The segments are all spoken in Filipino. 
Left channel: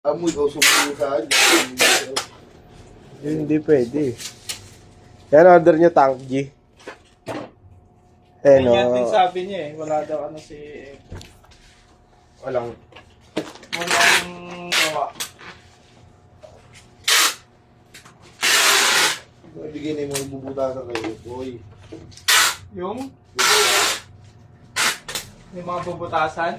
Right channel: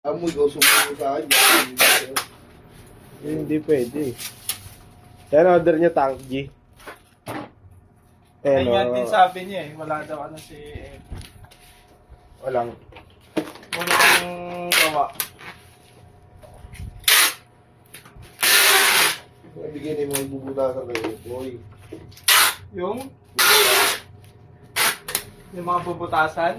Amoy, ikaw sumulo sa akin. Hindi pwede. Yan, order niya Tank G. Eh, no. Yan din sabi niya eh. Wala daw ano si... Walang. Walang gawa. Ibigay na yung mga ibubutasan kayo. Boy. Yung mga bubutasan.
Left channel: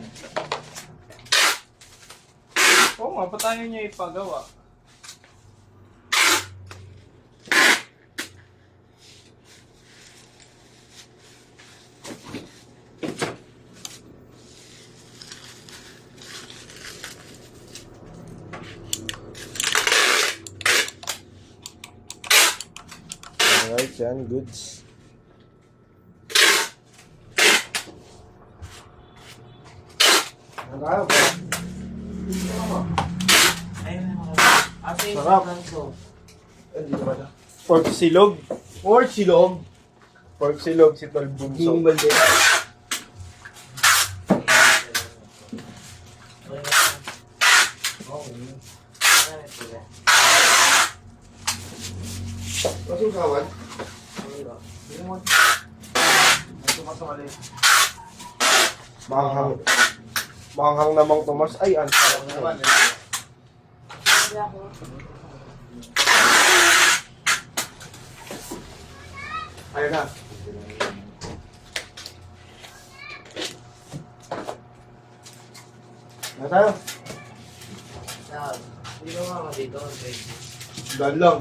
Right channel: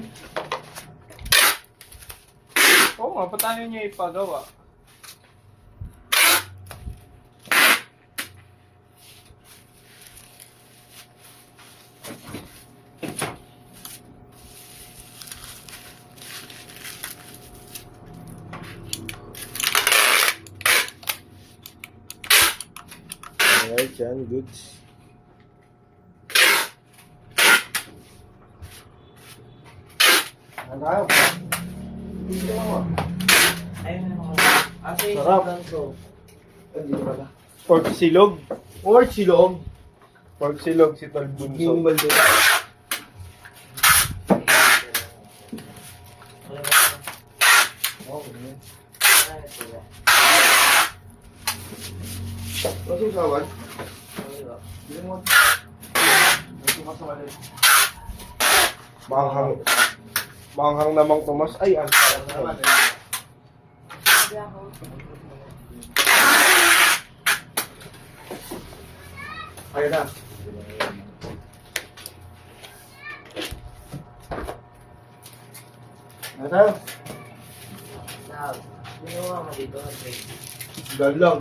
Oo nga, ba't tayo niya ipagawa? Alright, yan. Goods. Ano kayo? Sarap. Hindi naman na. Pork silog. Or silog. Pork silog, si Tol Bunso. Gimbal din. Masusawan? Manghang. Manghang namang Tomas. Ay, ang sarap naman. Ayun na. Ano tayo? Dahil lang.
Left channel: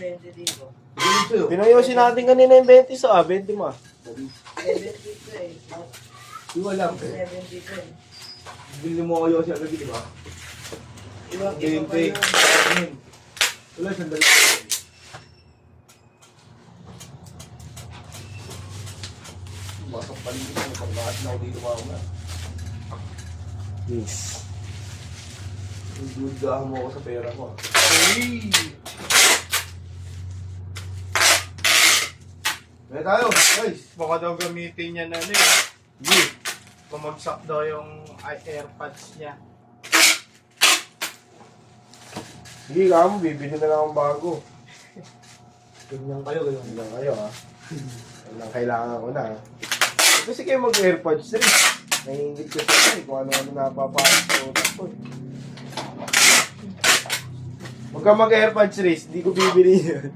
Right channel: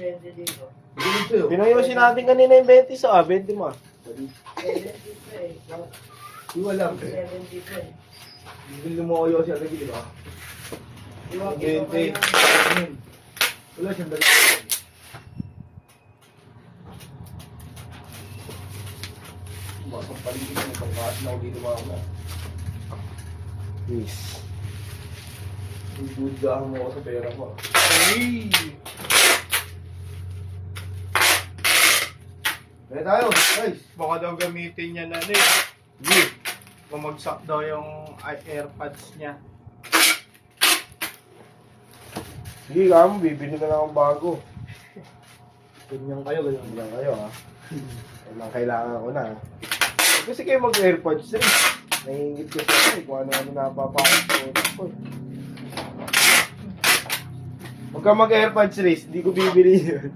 Bigyan sa'yo. Pinayosin natin kanina yung 20 sa 20 mo. Iwan lang. Bili mo kayo siya lagi, di ba? 20. Wala siyang dali. Masang paligid mo. Pagmahas na ako dito mga Yes. Ibudahan mo ako sa pera mo. Uy! Kaya tayo, guys. Baka daw gamitin niya na din. Hindi. Bumagsak daw yung AirPods niya. Sige ka mo, bibili na lang ang bago. Ganyan kayo, ganyan. Yan kayo ha. Yan ang kailangan ko na. Kasi kayo mag-airpods rin. Nahingit ko sa akin kung ano-ano napapasok sa utak ko. Huwag ka mag-airpods race, hindi ko bibili yun.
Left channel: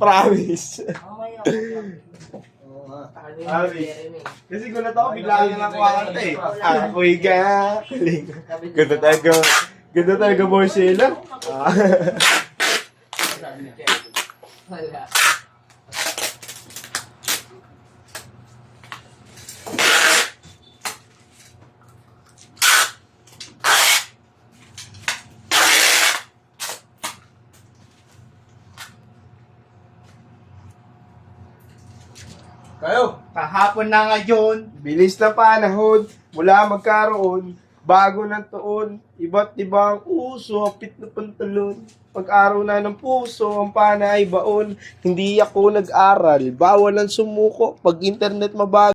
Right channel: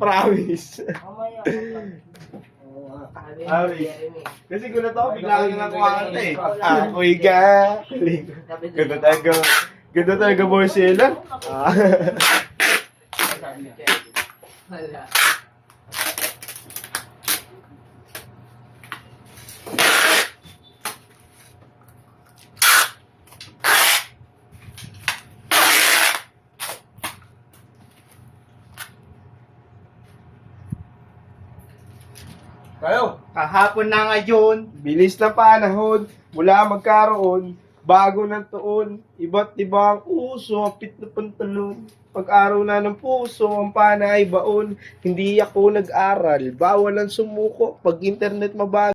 Promise. Oo nga. Kasi gulat ako, bigla ka lang kumakanta eh. Ako'y galing. Ganda talaga. Ganda talaga mo sila. Tayo. Kahapon na ngayon. Bilis na panahon, mula magkaroon, bago ng taon, iba't ibang uso, pit na pantalon. Pag-araw na ng puso, ang panay baon, hindi ako nag-aral, bawal ang sumuko, pag internet mabago.